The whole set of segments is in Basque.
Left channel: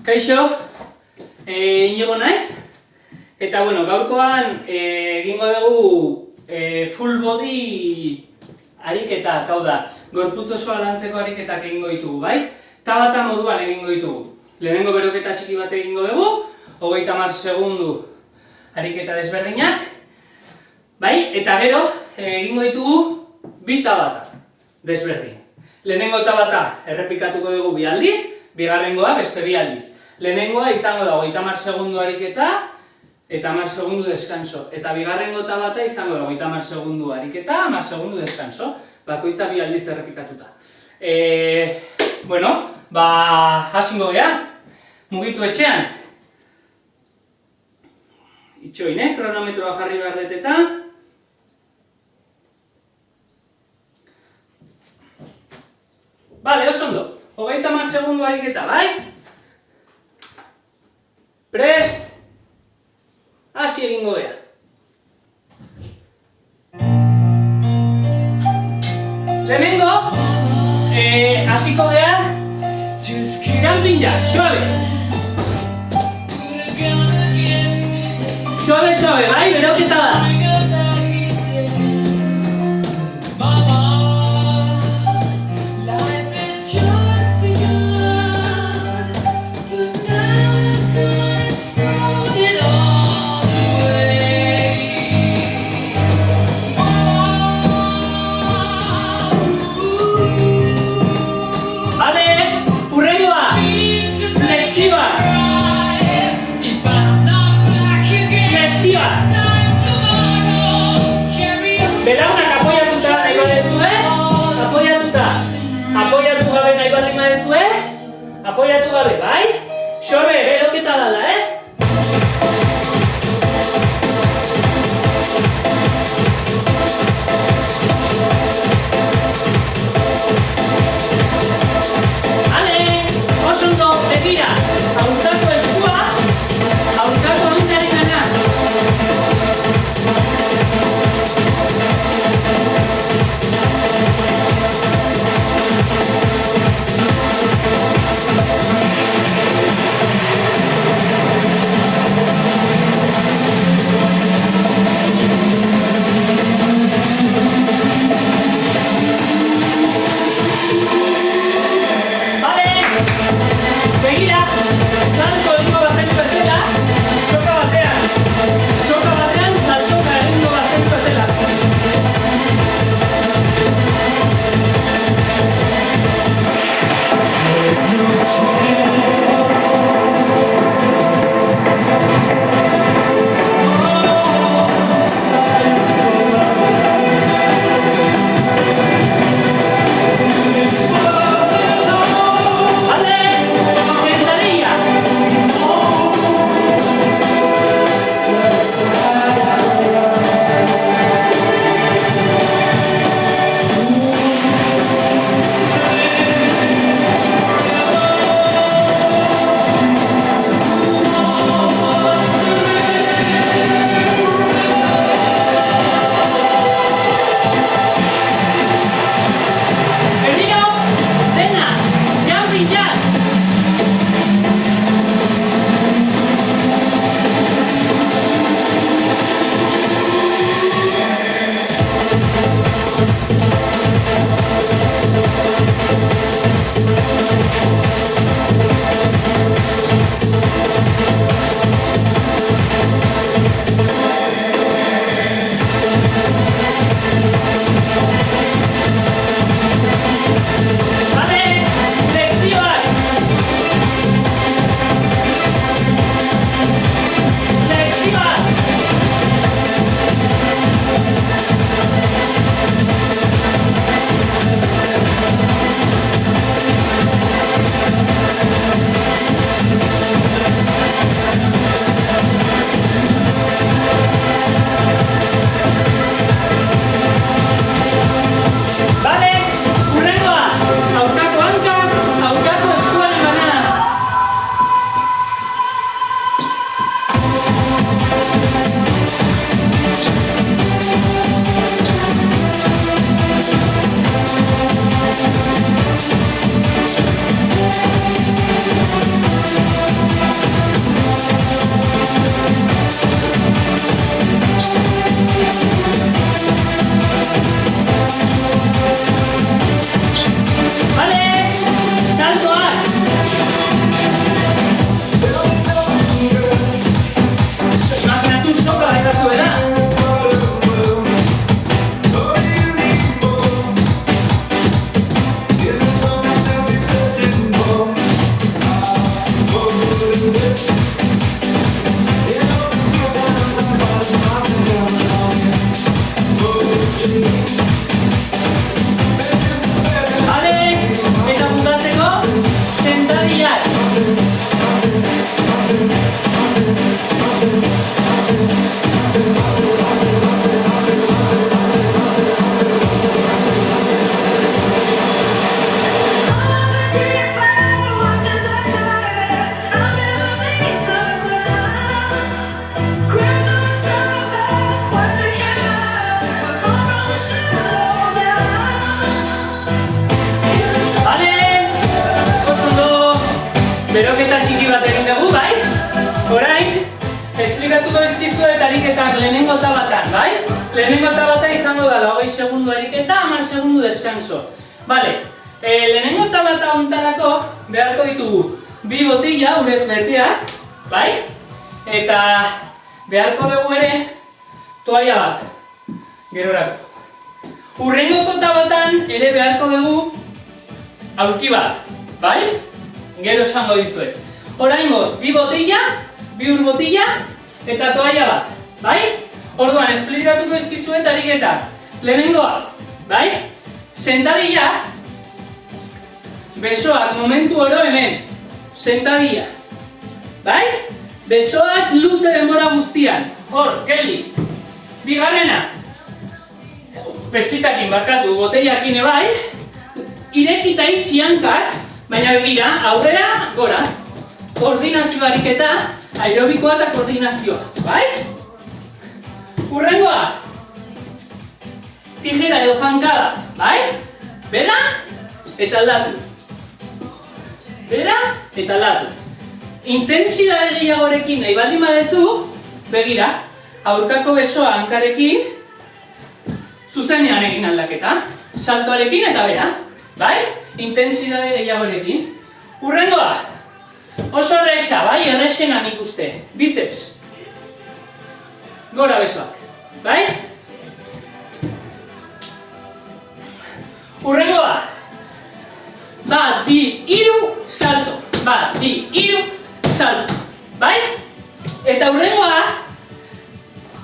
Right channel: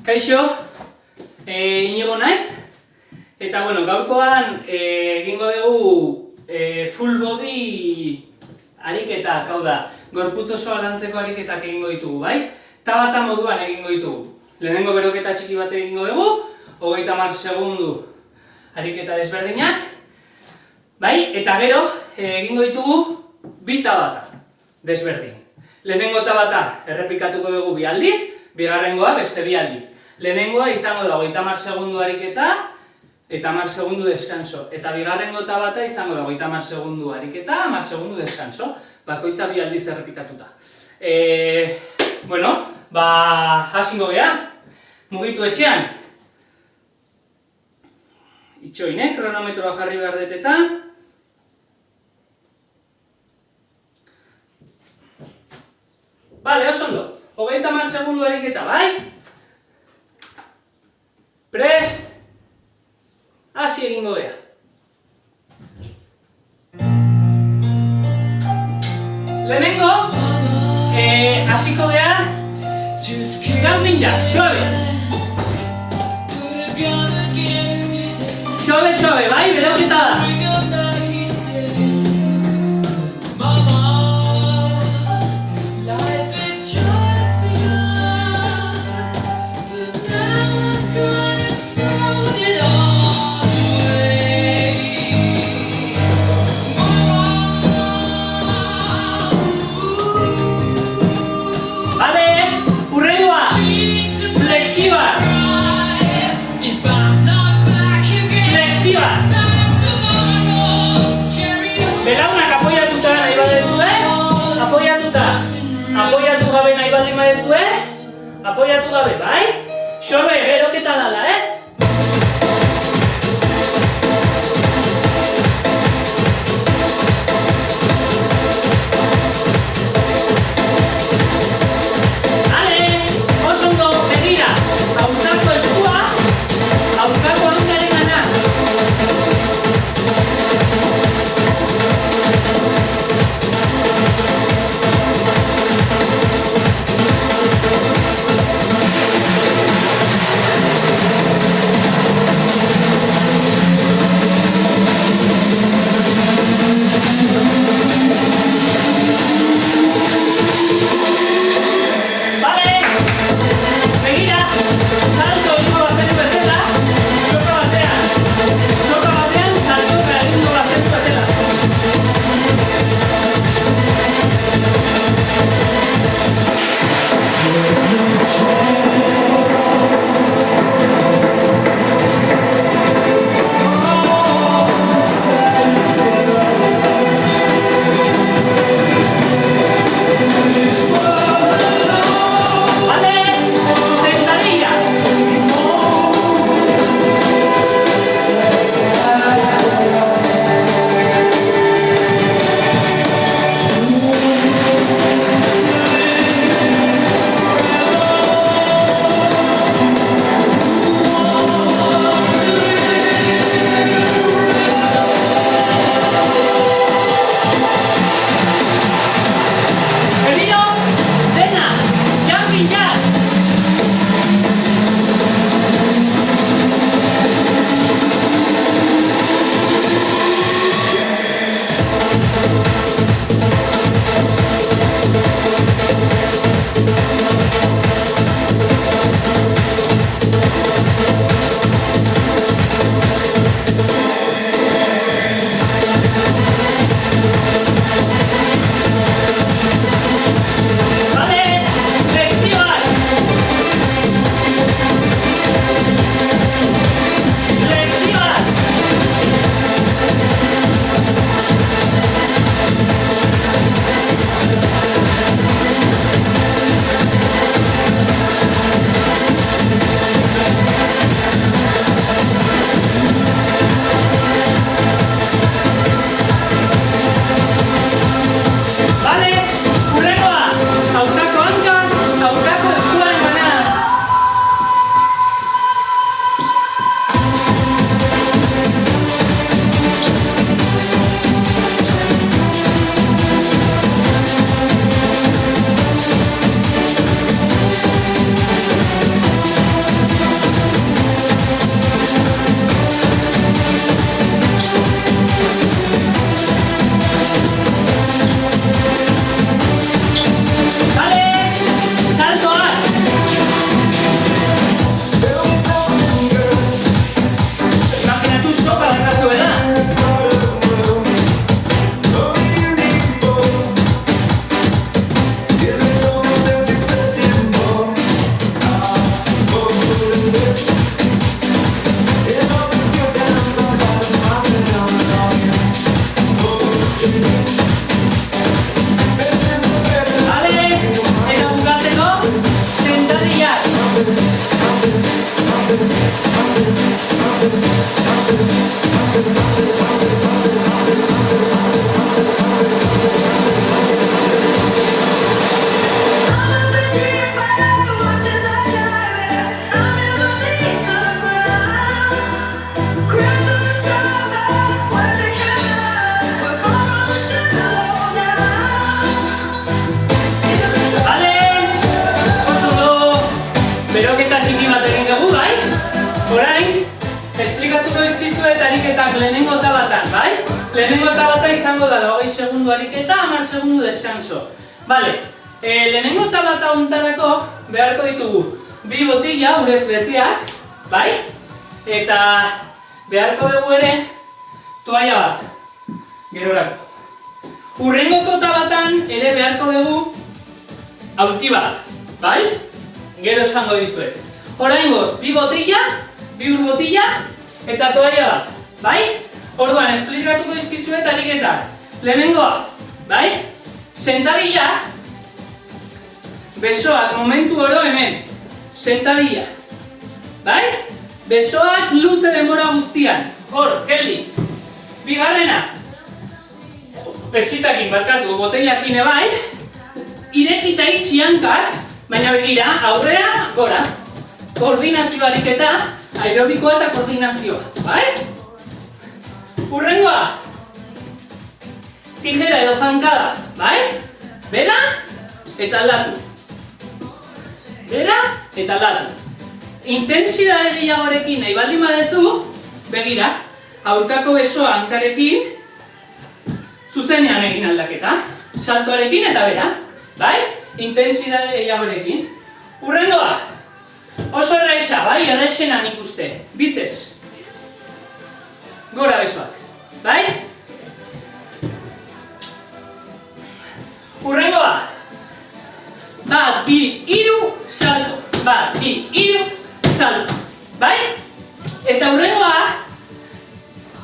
Kaixo, Inigo naiz, eta gaurkoan egingo dugu full body ariketak, hau da, gorputz osoa lantzeko ariketak egingo ditugu, bai? Tabata moduan egingo ditugu. Lehenengo beroketa txiki bat egingo dugu, 30 segundu ariketa desberdinak, bai? Eta gero egingo ditugu bi tabata desberdin. Lehenengo tabata errepikatuko dugu 2 aldiz, bigarrengoa beste 2 aldiz. Lehenengoa izango da 30 segundu ariketa eta 10 segundu deskanso. Eta bigarrengo tabata izango da 30 segundu ariketa, 10 segundu deskanso. Bakoitza 2 aldiz errepikatuta. Hasingo gea, mugitu etxean. Itxoin, kronometroa jarri behar dut eta. Bale, oso ondo. 30 segundu ariketa, bai? Prest, hasi egingo gea. Lehenengo, hasiko gea, jumping jack, suave. Suave, suave, bai, beroketa da. Apoiatu gabe, bai? Xorbe, beroketa dala, Ale, oso ondo, begira, hautzako eskua, hautzako handiaren gana. beroketa txiki bat egin dugu, bai? Orain, esplikatuko dizkizuet ariketak lehenengo tabatan, bai? Lehenengo tabata izango da 20 segundu ariketa, 10 segundu deskanso. Bale, lehenengo tabata hontarako beharko ditugu bi botila urez beteak, bai? Eta beharko dugu ere toalla bat, gerorako. Hurrengoko tabatan ere beharko dugu aulki bat, bai? Gero esango dizuet. Oraingoz, bi botila, bi ur botila eta toalla bat, bai? Orduan, esplikatuko dizkizuet ariketak. Lehenengoa, bai? Sentadilla, besoak momentu oro hemen, sentadilla, bai? Besoak luze denbora guztian, hor, geldi. Bigarrena, besitakin barkatu, botellakin bai, irekita itxi hankak, baina begira, aurrera, gora. Koordinazio ariketa, aerobikoa eta koordinazioa, bai? Hurrengoa, tijera edo zankada, bai? Bera eta aldatu. Bera eta aldatu. Intensidade gehiagorekin nahi baldin badezu, begira, aurkako besoa hankarekin, zuzenean egin aldaketa. Saltoarekin eta bera, bai? Intensidade gehiagorekin. Hurrengoa, oso erresa, bai? Erresena nik uste. Biceps. Gora besoak, bai? Hurrengoa, bat, bi, hiru, salto. Bat, bi, hiru, salto, bai? Eta hurrengoa,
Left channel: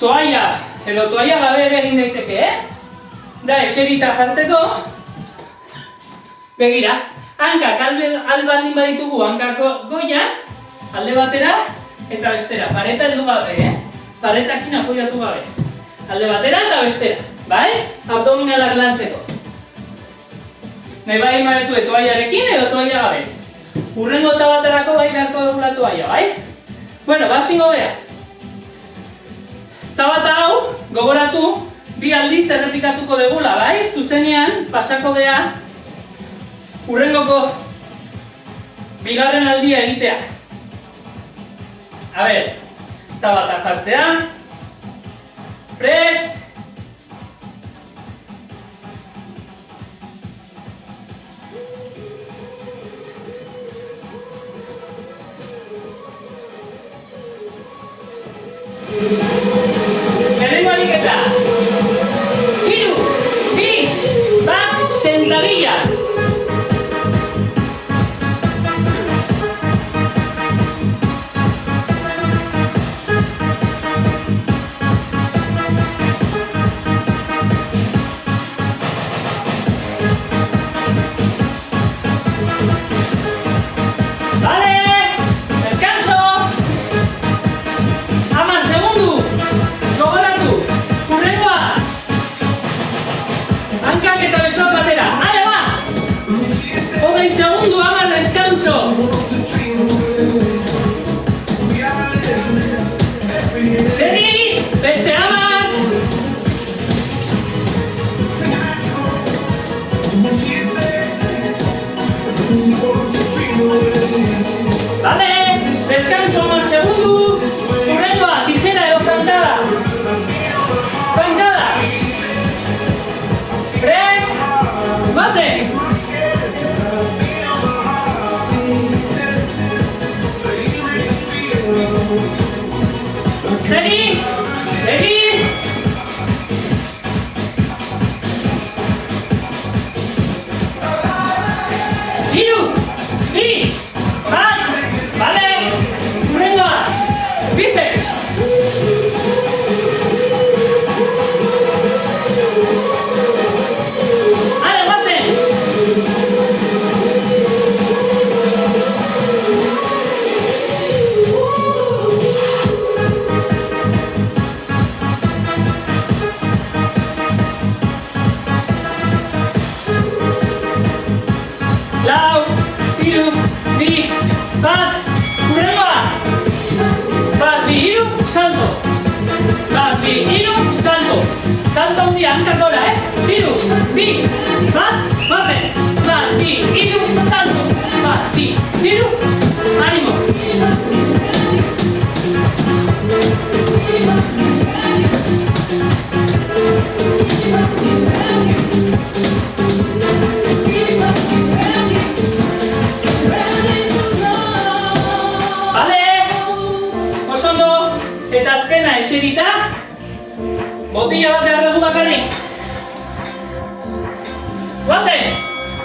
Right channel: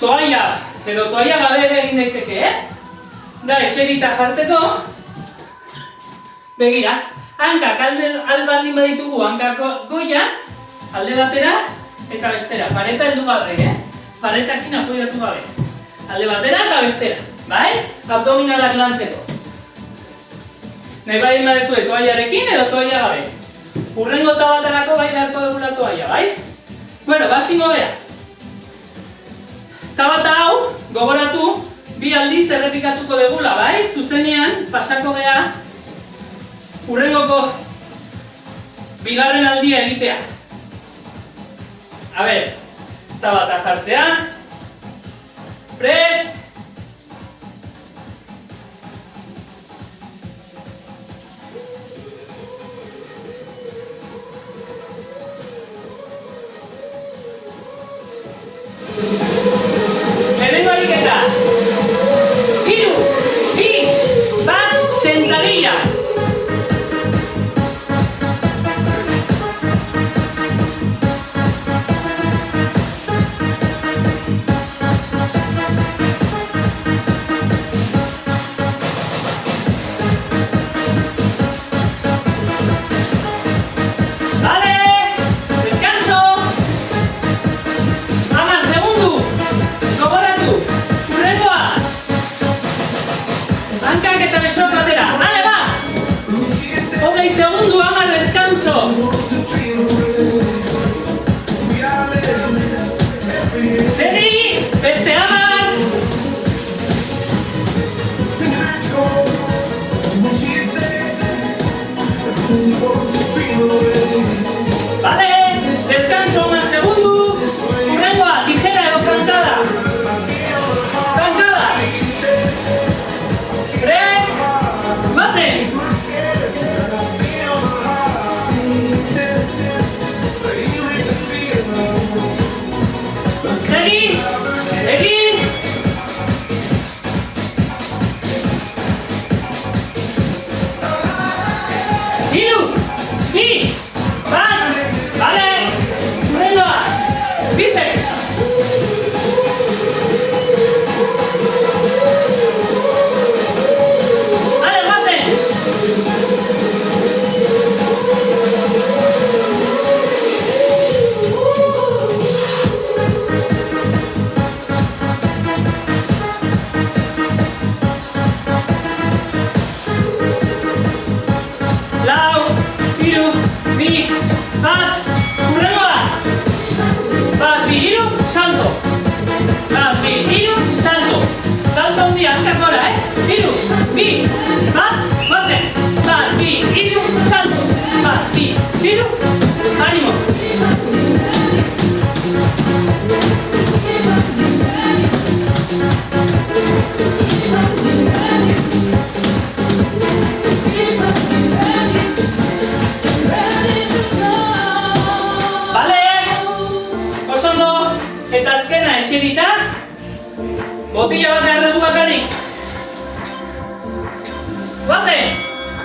toalla, edo toalla gabe ere egin daiteke, Da, eserita jartzeko, begira, hankak albaldin baditugu hankako goia, alde batera eta bestera, pareta heldu gabe, paretakin apoiatu gabe. Alde batera eta bestera, bai? Abdominalak lantzeko. Nahi bai maezue toaiarekin edo toaia gabe. Hurrengo tabatarako bai beharko dugula toaia, bai? Bueno, basingo bea. Tabata hau, gogoratu, bi aldiz errepikatuko degula, bai? Zuzenean, pasako gea, hurrengoko bigarren aldia egitea. A ber, tabata jartzea, prest, lehenengo ariketa, 3, 2, 1, sentadilla. Segi, beste hamar. Vale, descanso, más segundo. Hurrengoa, tijera edo zankada. Zankada. Prest, baten. Segi, segi. Hiru, bi, bat, bale, hurrengoa, biceps.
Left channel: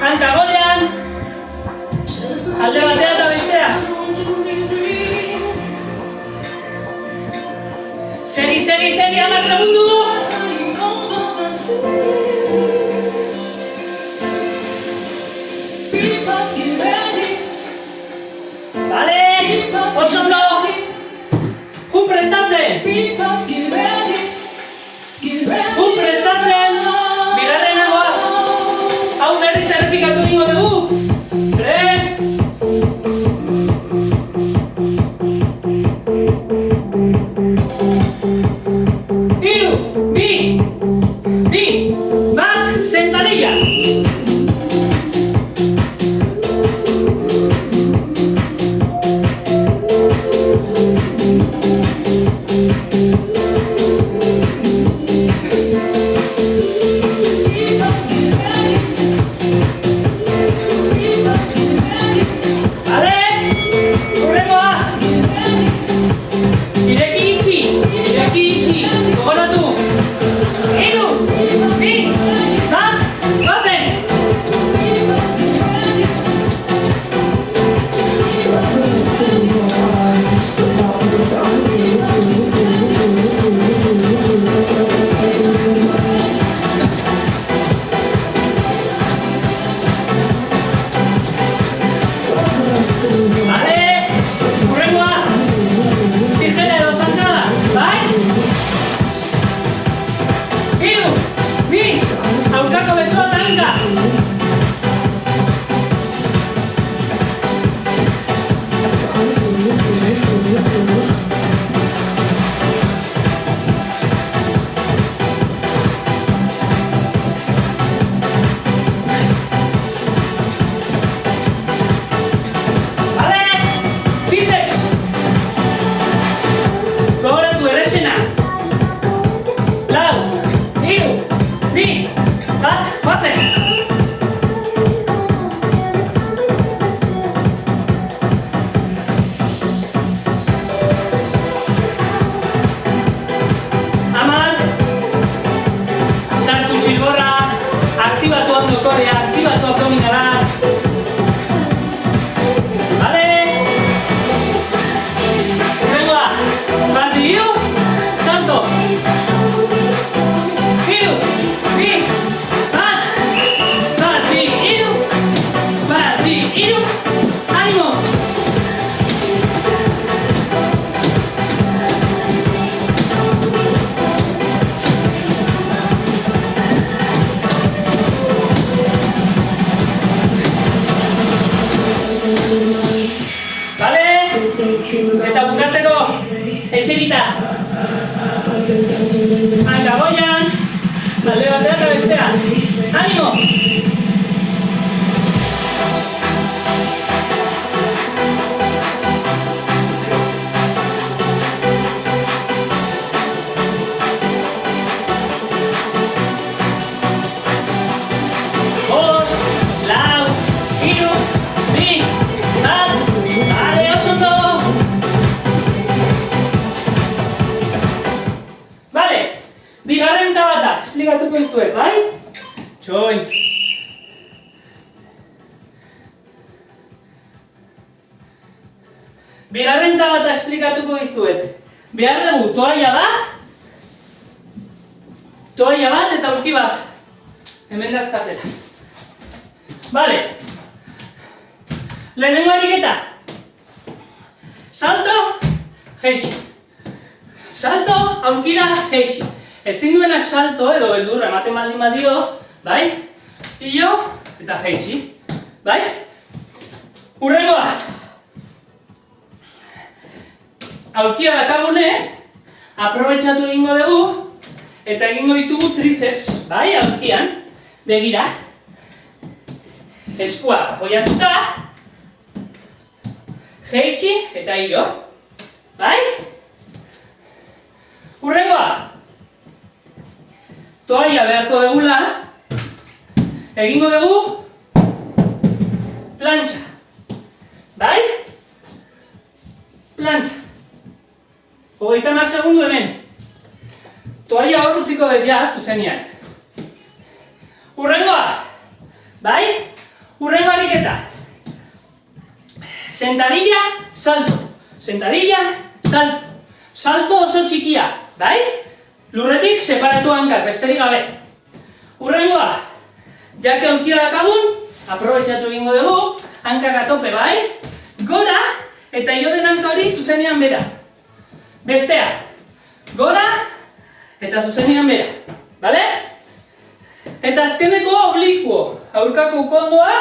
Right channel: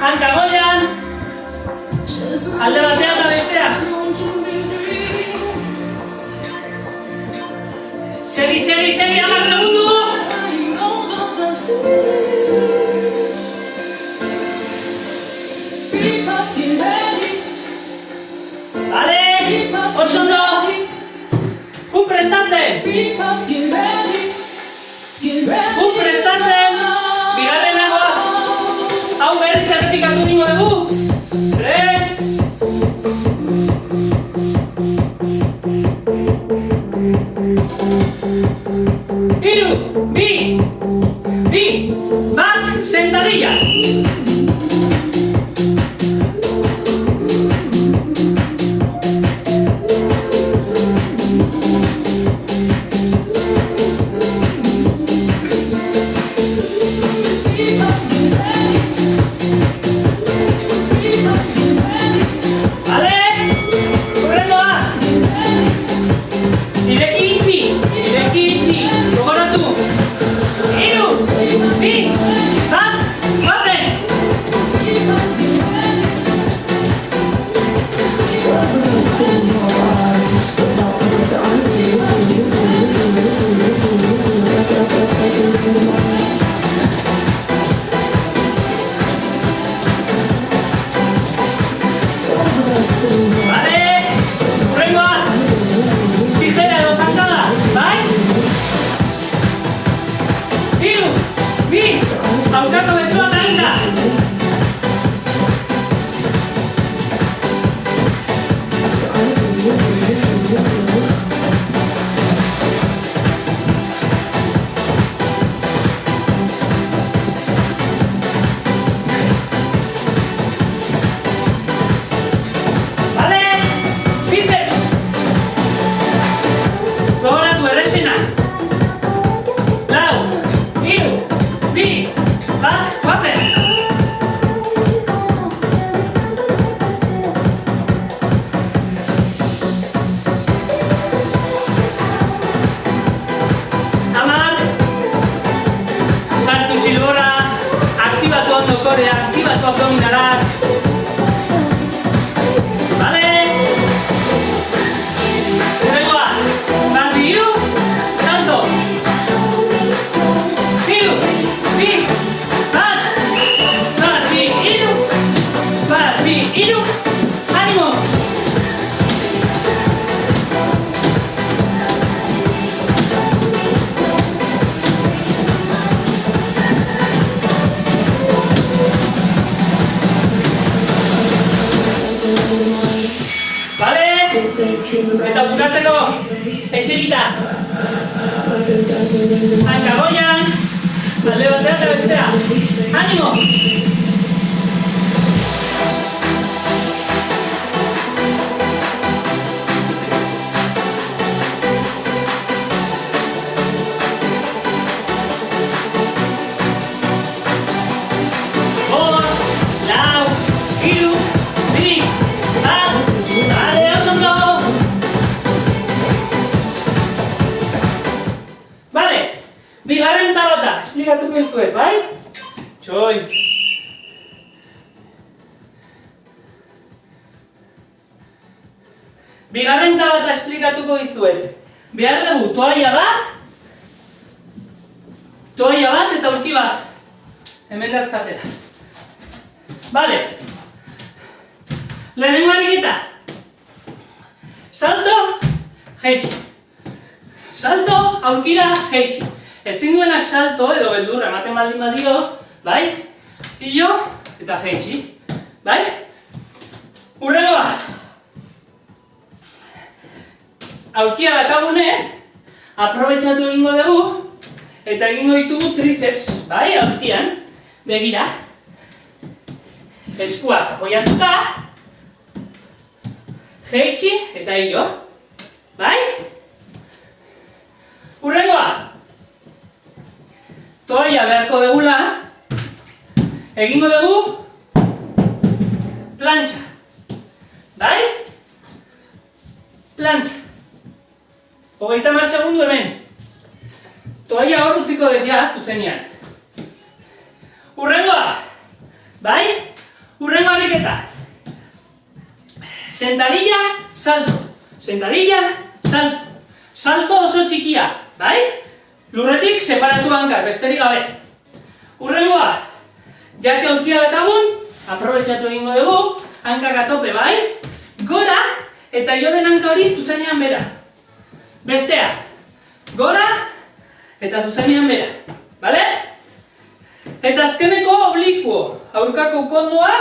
Hanka goian. Alde batea eta bestea. Segi, 10 segundu. Vale, oso ondo. Ju prestatzen. Ju prestatzen. Bigarrena goaz. Hau berriz errepikatu egingo dugu. Prest. Hiru, bi, bat, sentadilla. Eta bukatzeko, eserita. Hanka goian, alde batea eta bestea. Animo! Bigarren tabata, esplikatuko dizuet, bai? Txoin. Bigarren tabata esplikatuko dizuet. Behar dugu toalla bat eta aurki bat. Hemen dazkatela. Bale. Lehenengo ariketa. Salto, jeitsi. Salto, aurkira, jeitsi. Ezin duenak salto edo beldurra ematen baldin badio, bai? Ilo eta jeitsi, bai? Hurrengoa! Aurkia dakagunez, aprobetxatu egingo dugu eta egingo ditugu triceps, bai? Aurkian, begira. Eskuak apoiatuta, jeitsi eta ilo, bai? Hurrengoa! Toalla beharko degula, egingo dugu plantxa, bai? Plantxa. 30 segundu hemen. Toalla hor utziko dut ja, zuzenean. Hurrengoa, bai? Urrengo ariketa. Sentadilla, salto. Sentadilla, salto. Salto oso txikia, bai? Lurretik separatu hankak, besterik gabe. Urrengoa. Jake aurkia dakabun, aprobetxatu egingo dugu, hankak atope, bai? Gora, eta ioden hanka hori zuzenean bera. Bestea. Gora, eta zuzenean bera. Bale? Eta azkeneko oblikuo. Aurkako kondoa,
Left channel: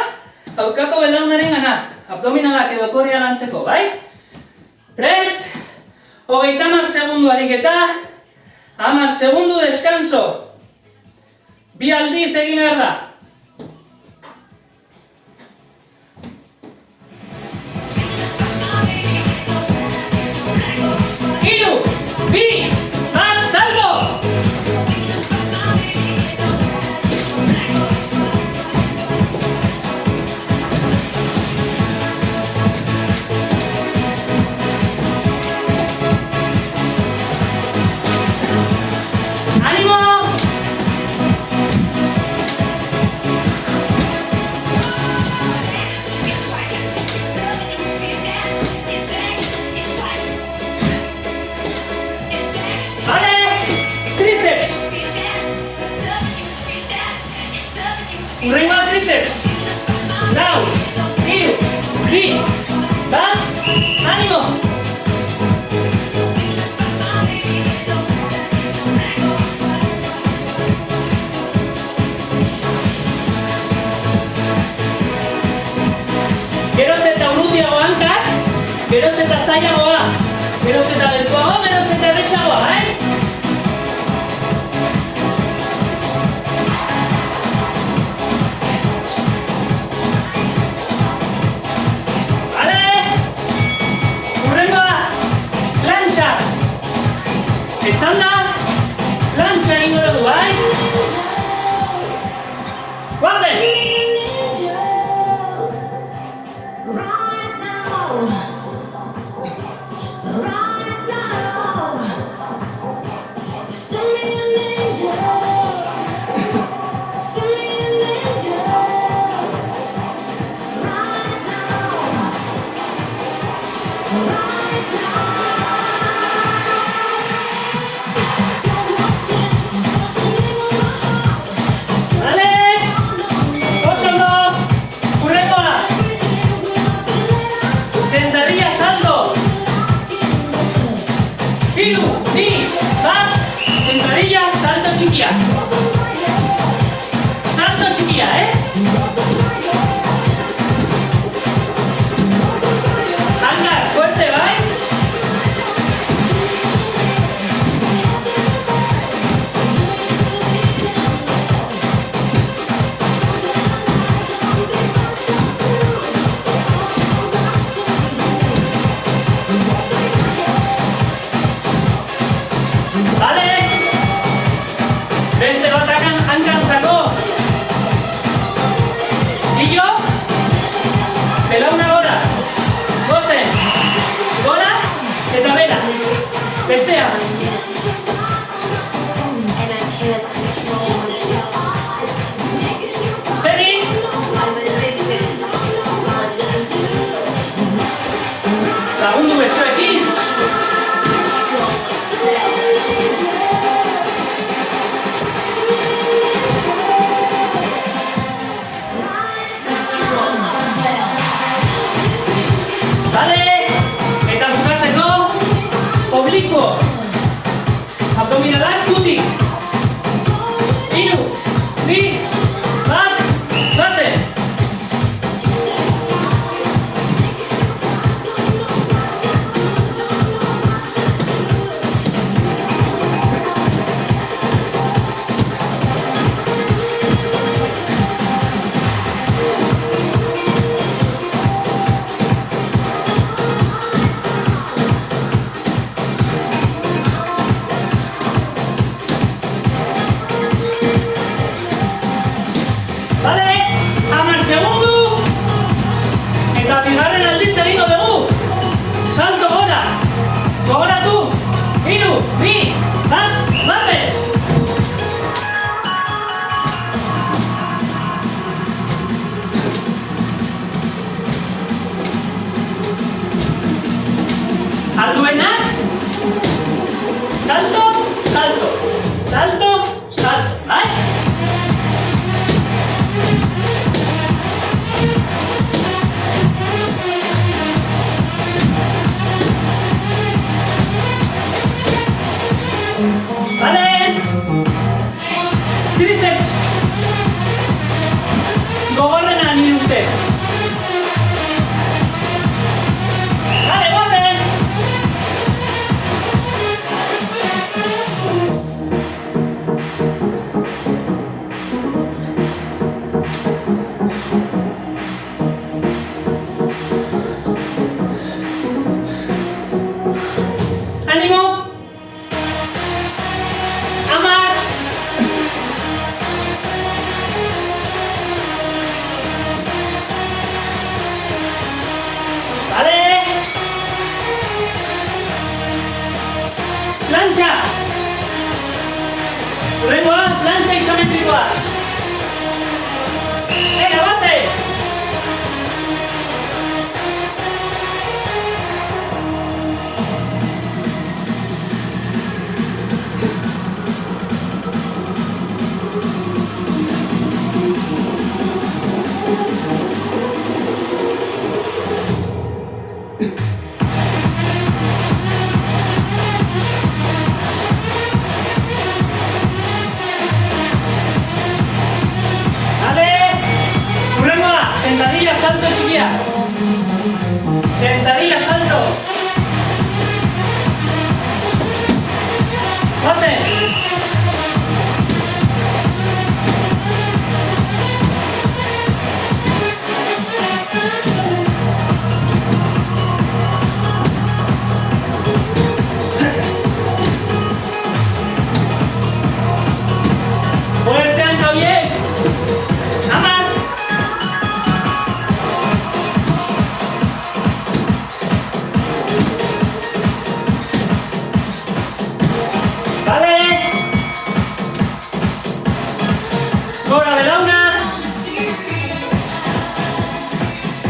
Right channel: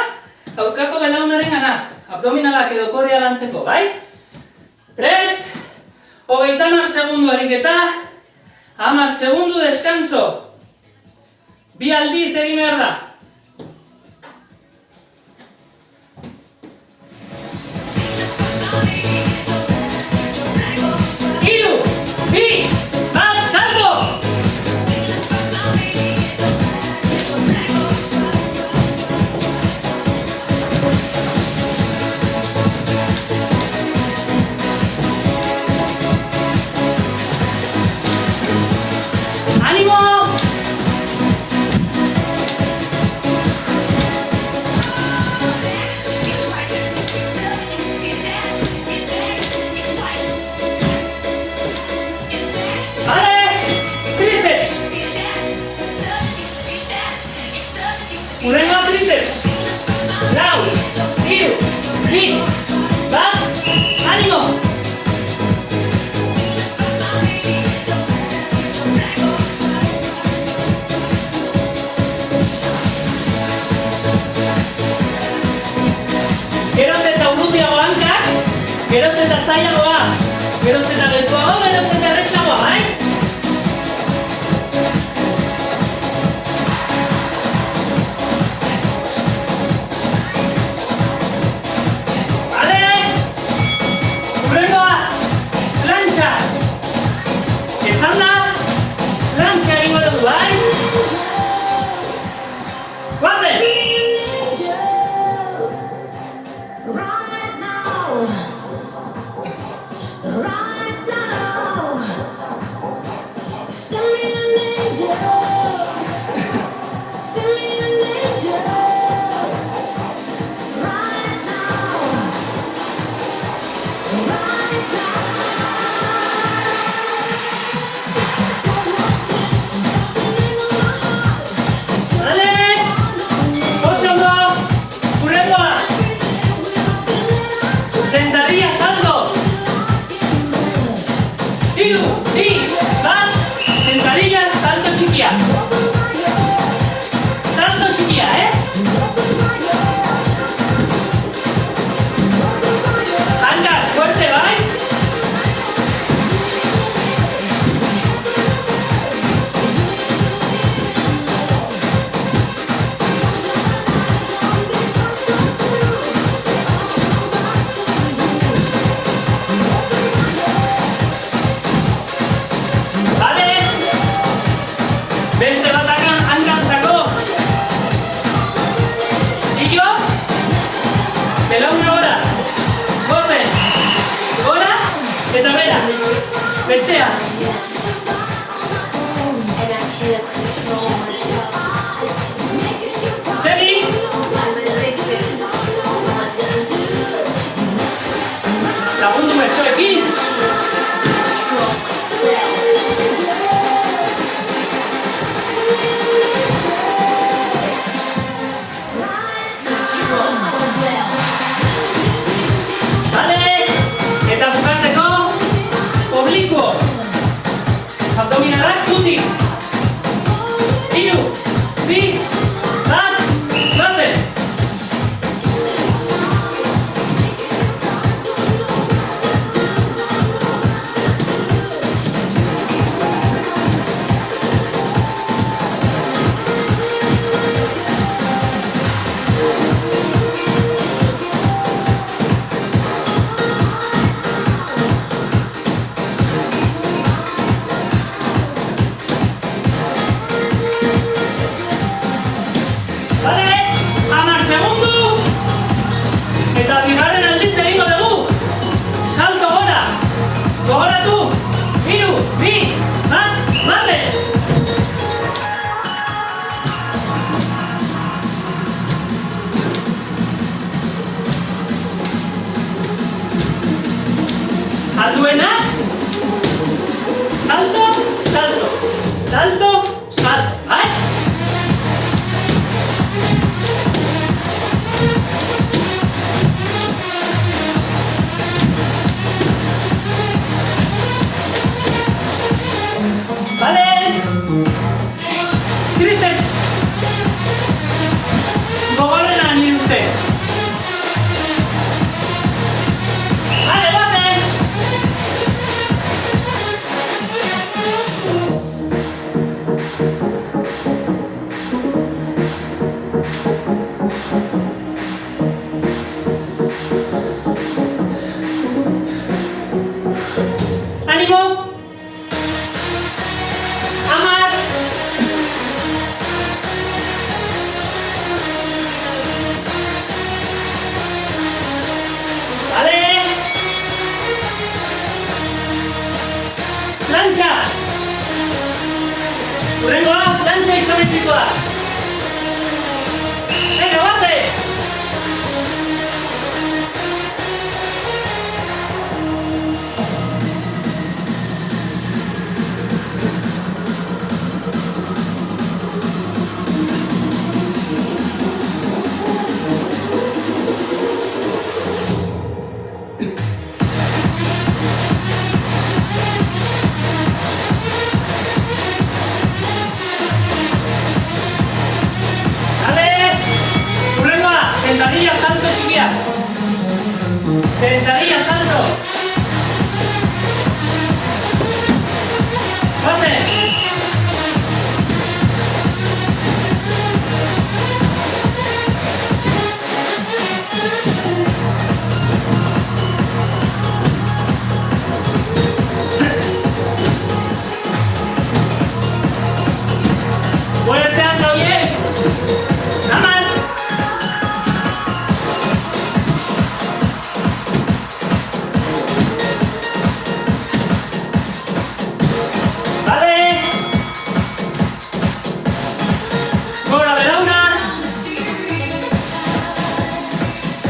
aurkako belaunaren gana. Abdominalak edo korea lantzeko, bai? Prest! 30 segundu ariketa. 10 segundu deskanso. 2 aldiz egin behar da. Urrengoa tríceps. Lau, 3, 2, bat, animo! Geroz eta urrutiago hankak, geroz eta zailagoa, geroz eta gertuago, geroz eta erresagoa, bai? Salto chiquilla, Anda, fuerte, ¿vai? Bestea. Segi. Lagundu besoekin. Abdominalak zutik. 3, 2, bat, bazen. segundua. Venga, bate! Sentadilla, salto, chiquilla. Sentadilla, salto. Pase. Fuerte, anda bien. Aman.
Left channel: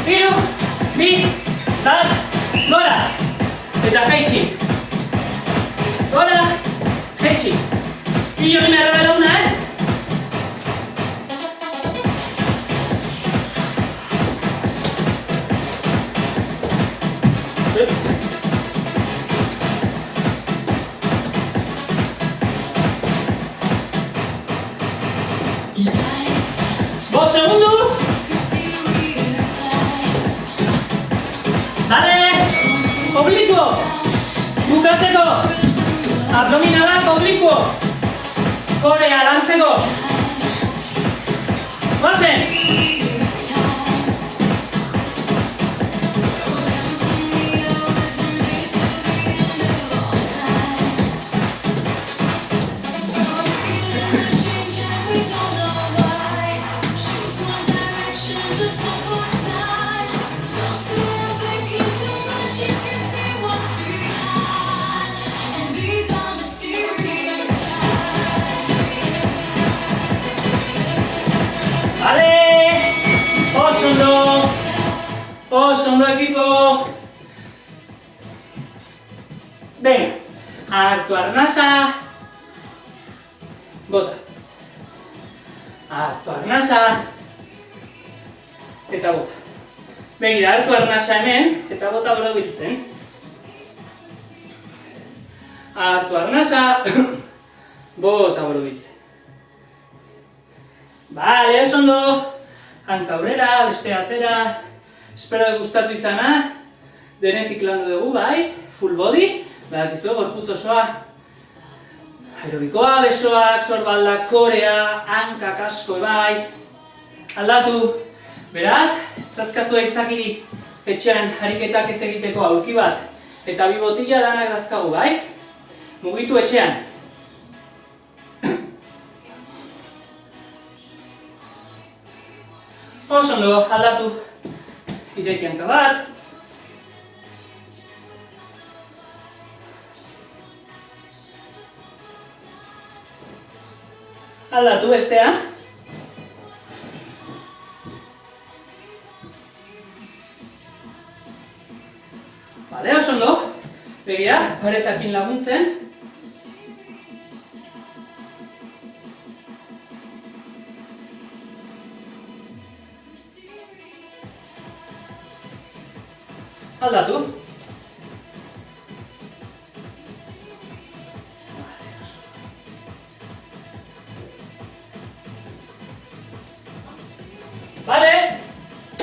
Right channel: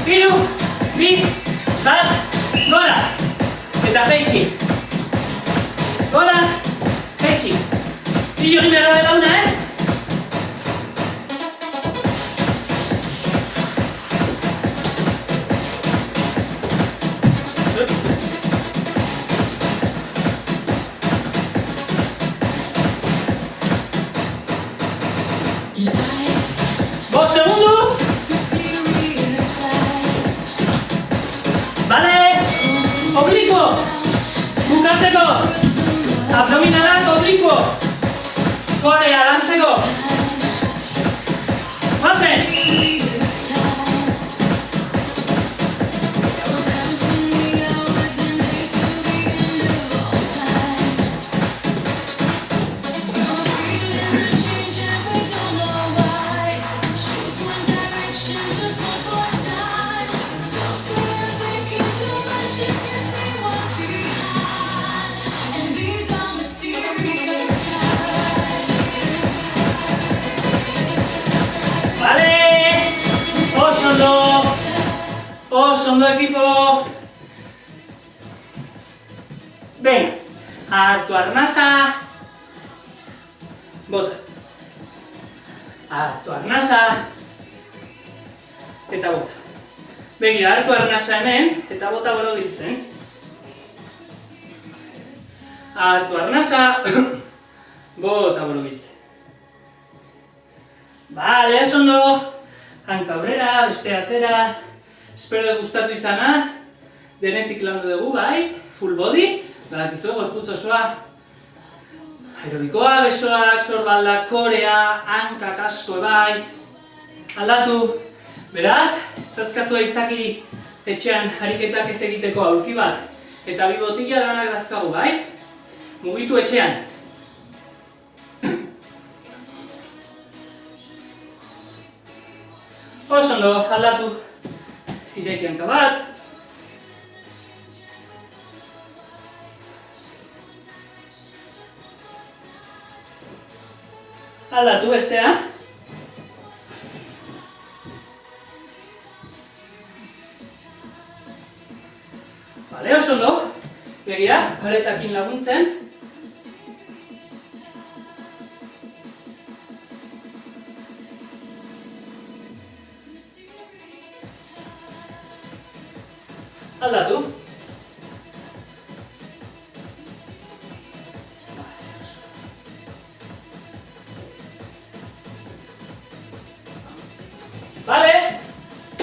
Hiru, bi, bat, gora! Eta jaitsi. Gora, jaitsi. Hiru egin behar da una, Bost segundu. Oblicuo. Bukatzeko. Abdominalak oblicuo. Korea lantzeko. Bazen. Oso ondo ekipo. Venga, hartu arnasa. Bota. Hartu arnasa. Eta bota. Begira, hartu arnasa hemen, eta bota borobiltzen. Hartu arnasa. Bota borobiltzen. Bale, oso ondo. Hanka aurrera, beste atzera. Espero gustatu izana. Denetik landu dugu, bai? Full body. Badakizu, gorputz osoa. Aerobikoa, besoak, sorbaldak, korea, hankak asko, bai? Aldatu. Beraz, ez dazkazu aitzakirik etxean ariketak ez egiteko aurki bat. Eta bi botila danak dazkagu, bai? Mugitu etxean. Oso ondo, aldatu. Ireki hanka bat. Aldatu bestea. Bale, oso ondo. Begira, paretakin laguntzen. Aldatu. Bale,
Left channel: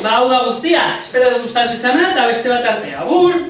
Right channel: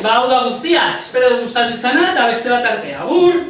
hau da guztia. Espero gustatu izana eta beste bat arte. Agur!